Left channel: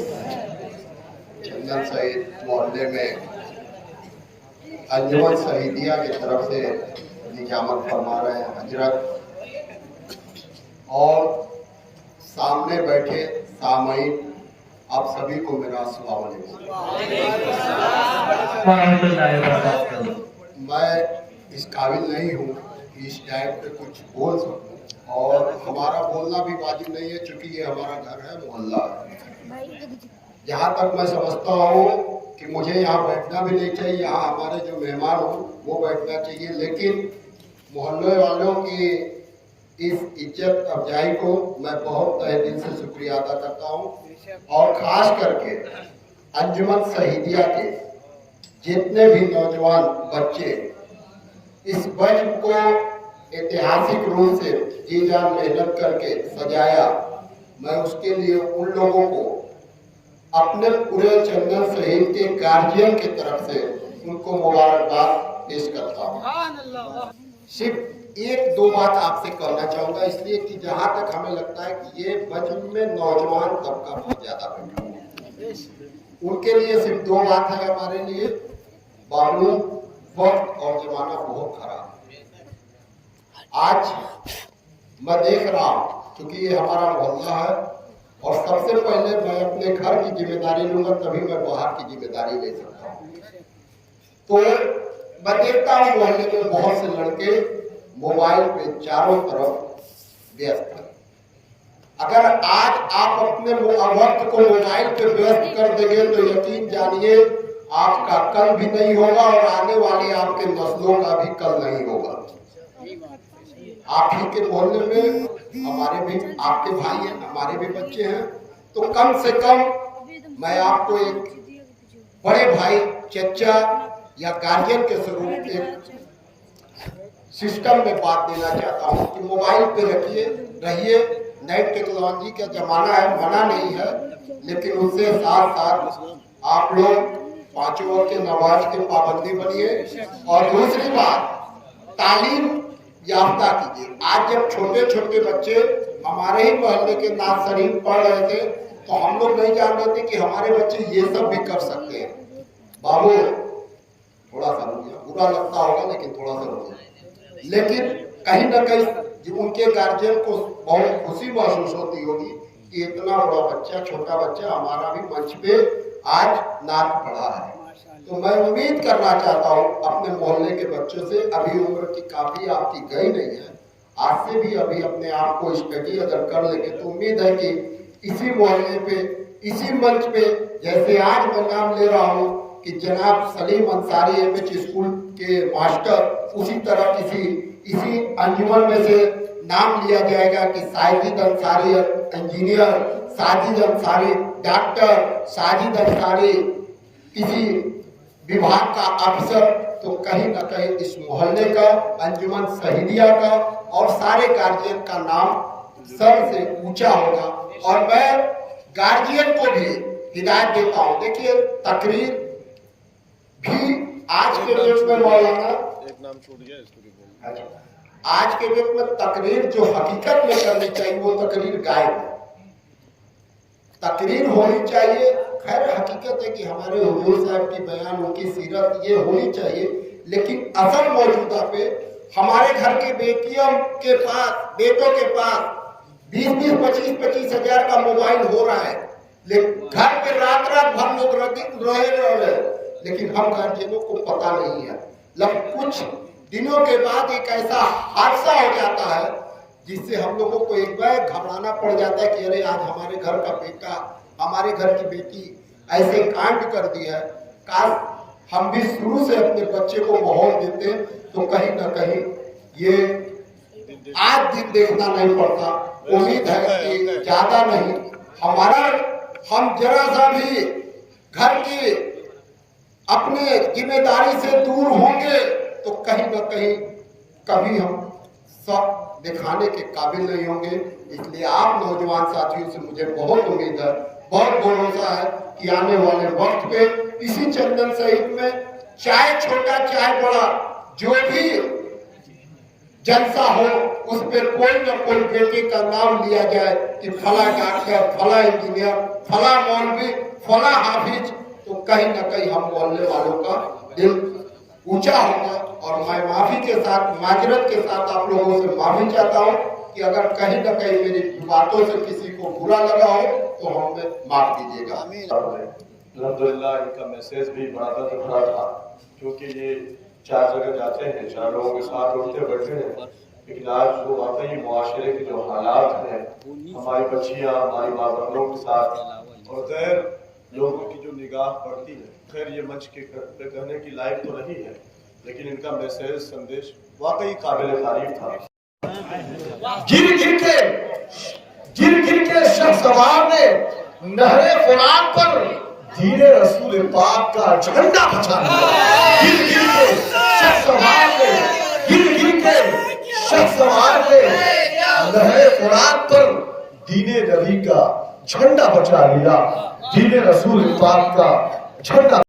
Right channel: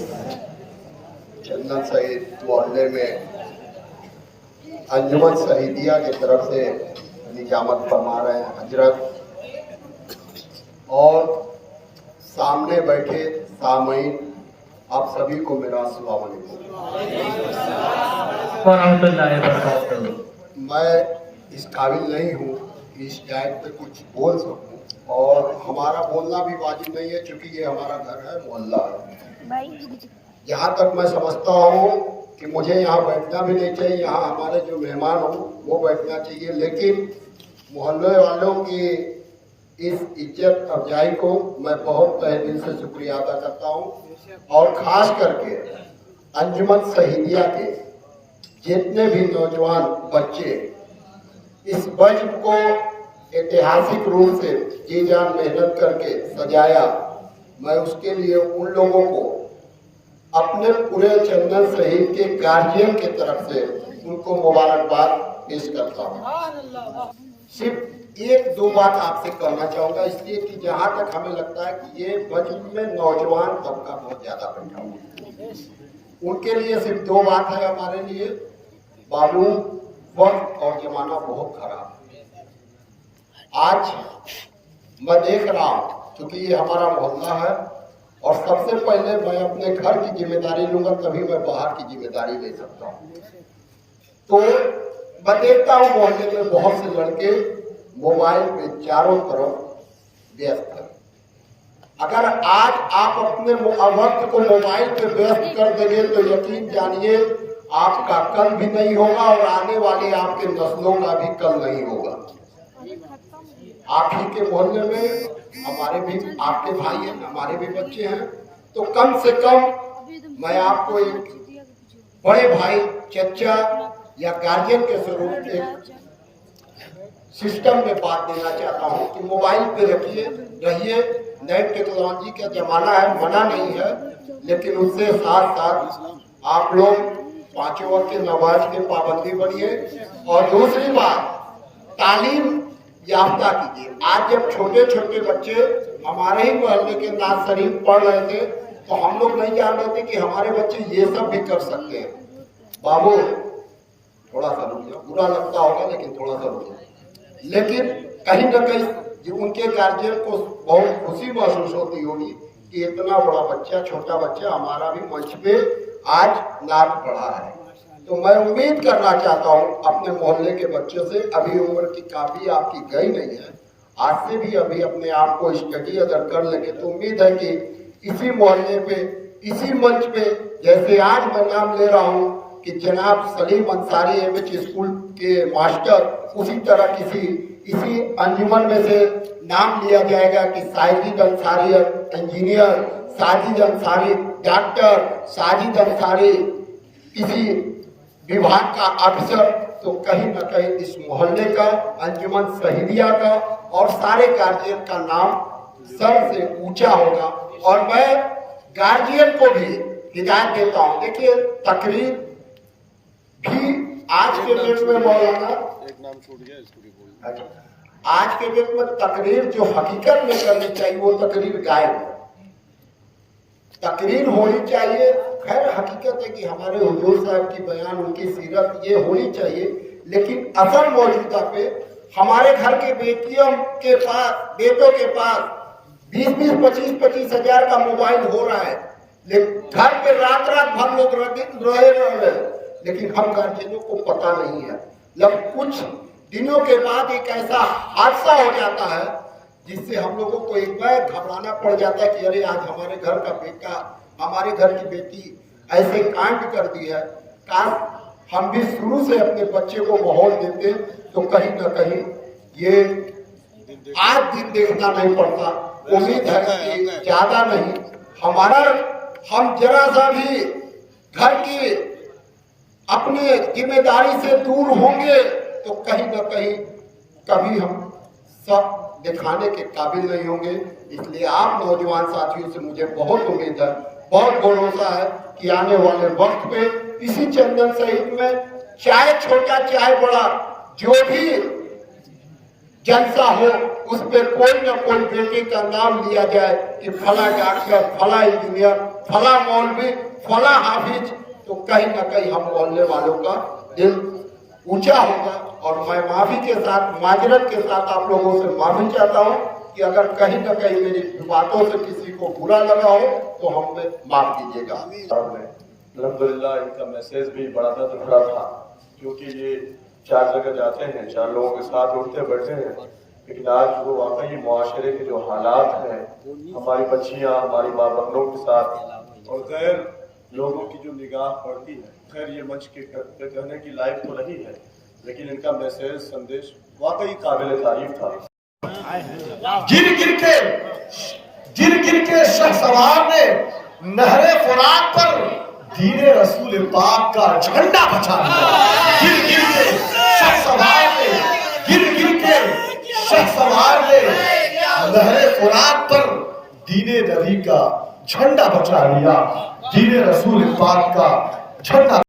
इस चंदन शहीद मोहल्ले में अंजुमन शहीदिया की तरफ से निजामत फरमा रहे हैं हजरत और सामने बैठे सामईन, आप सभी को मेरा अस्सलाम वालेकुम। मैं इस काबिल नहीं हूँ कि इस टाइप पे कुछ बोल सकूँ और हमारा बोलना भी वाजिब नहीं है क्योंकि ये हमारा घर है, मोहल्ला है। यहाँ तक मैं समझता हूँ कि मुझे यहाँ बैठना भी नहीं चाहिए, यहाँ हमारे जो मेहमान हो वो बैठना चाहिए, लेकिन मोहल्ले वालों की इस इज्जत अफजाई को मैं बहुत तहे दिल से शुक्रिया अदा करता हूँ और ख़ास करके अंजुमन शहीदिया के जितने भी नौजवान बच्चे इस वज्र को ऐतिहासिक रूप से जी जान मेहनत करके सजाया, मैं उसके लिए उन लोगों को अपने पूरे चंदन शहीद के गार्जियन की तरफ से उनको मुबारकबाद पेश करता हूँ। सिर्फ एक दो बात आपसे कहना चाहूँगा, इसलिए कि जहाँ तक हमें लगता है कि ये वज्र में नौजवान तबका बहुत ज्यादा बैठा हुआ है, उनके लिए सिर्फ दो बात है हमारे लिए। बाबू, वक्त और जमाना बहुत खराब। आज मैं देख रहा हूँ क्योंकि ये हमारा मोहल्ला है और सबसे पहले मैं अपने घर की जिम्मेदारी लूंगा, तभी मैं बाहर की जिम्मेदारी ले सकता हूँ। तो मैं देखता हूँ मोहल्ले में बहुत से लड़के मोबाइल पे चारों तरफ व्यस्त हैं। अगर आज आप अपने वक्त को मोबाइल पे व्यस्त कर देंगे तो यकीन जानिए आपका कल भी नहीं होगा और आने वाले आपके नस्लों का भी कल नहीं होगा। आप ही के मोहल्ले में हमारे भी आपके भाई हैं, हमारे भी बच्चे हैं, तो कम से कम मैं आपको एक बड़े भाई, चचा या गार्जियन के स्वरूप एक सिस्टम में बात देना चाहता हूँ कि मोबाइल पे रहिए। नई टेक्नोलॉजी का जमाना है, मना नहीं है, लेकिन उससे साथ साथ आप लोग पांचों वक्त के नमाज के पाबंदी बनिए और दूसरी बात तालीम याफ्ता कीजिए। आज जब छोटे छोटे बच्चे हमारे ही मोहल्ले के नाज शरीफ पढ़ रहे थे तो हम लोग नहीं जान रहे थे कि हमारे बच्चे ये सब भी कर सकते हैं। बाबू थोड़ा सा रुकिए, बुरा लगता होगा लेकिन थोड़ा सा रुकिए। लेकिन कहीं ना कहीं उनके गार्जियन को बहुत खुशी महसूस होती होगी कि इतना बड़ा बच्चा, छोटा बच्चा हमारा भी मंच पे आज नाच पढ़ा है। तो मैं उम्मीद करना चाहता हूँ अपने मोहल्ले के बच्चों से, अभी उम्र की काफी आपकी गई नहीं है, आज से भी अभी अपने आप को स्टडी अगर कर लेंगे तो उम्मीद है कि इसी मोहल्ले पे, इसी मंच पे, जैसे आज मैं नाम ले रहा हूँ कि जनाब सलीम अंसारी एमएच स्कूल के मास्टर, उसी तरह इसी अंजुमन में से नाम लिया जाएगा कि साजिद अंसारी इंजीनियर, साजिद अंसारी डॉक्टर, साजिद अंसारी किसी विभाग का अफसर। तो कहीं ना कहीं इस मोहल्ले का, अंजुमन शहीदिया का और सारे गार्जियन का नाम सर से ऊंचा होगा। और मैं गार्जियन को भी हिदायत देता हूँ, देखिए तकरीर भी आज के डेट में मौलाना एक नाम छूट गया, इसको भी बोल। आज के डेट में तकरीर जो हकीकत में करनी चाहिए वो तकरीर गायब है। तकरीर होनी चाहिए, खैर हकीकत है कि हमारे हुजूर साहब की बयान, उनकी सीरत ये होनी चाहिए, लेकिन असल मौजूदा पे हमारे घर के बेटियों के पास, बेटों के पास 20-25 हजार का मोबाइल हो रहा है, लेकिन घर पे रात भर लोग रहे, लेकिन हम गार्जियनों को पता नहीं है। जब कुछ दिनों के बाद एक ऐसा हादसा हो जाता है जिससे हम लोगों को एक बार घबराना पड़ जाता है कि अरे आज हमारे घर का बेटा, हमारे घर की बेटी ऐसे कांड कर दिया है। काश हम भी शुरू से अपने बच्चे को माहौल देते तो कहीं ना कहीं ये आज दिन देखना नहीं पड़ता। उम्मीद है कि ज्यादा नहीं, हम जरा सा भी घर की अपने जिम्मेदारी से दूर होंगे तो कहीं ना कहीं कभी हम सब दिखाने के काबिल नहीं होंगे। इसलिए आप नौजवान साथियों से मुझे बहुत उम्मीद है, बहुत भरोसा है कि आने वाले वक्त पे इसी चंदन शहीद में चाहे छोटा चाहे बड़ा जो भी जलसा हो उस पर कोई न कोई बेटे का नाम लिया जाए कि फला डॉक्टर, फला इंजीनियर फला मौलवी, फला हाफिज, तो कहीं ना कहीं हम मोहल्ले वालों का दिल ऊंचा होगा। और मैं माफी के साथ, माजरत के साथ आप लोगों से माफी चाहता हूँ कि अगर कहीं ना कहीं मेरी बातों से किसी को बुरा लगा हो तो हमें माफ कीजिएगा। अल्हम्दुलिल्लाह इनका मैसेज भी बड़ा दर्द भरा था, क्योंकि ये 4 जगह जाते हैं, 4 लोगों के साथ उठते बैठे हैं, लेकिन आज वो वाकई मुआशरे के जो हालात हैं, हमारी बच्चियां, हमारी माँ बहनों के साथ और गैर लोगों की जो निगाह पड़ती है, खैर ये मंच के कहने की लायक तो नहीं है, लेकिन इनका मैसेज, संदेश वाकई काबिल तारीफ था। गिर गिर के शख्सवार ने नहरे फुरात पर दीने रसूल पाक का झंडा बचा लिया। गिर गिर के शख्सवार ने नहरे फुरात पर दीने नबी का झंडा बचा लिया, दीने रसूल पाक का झंडा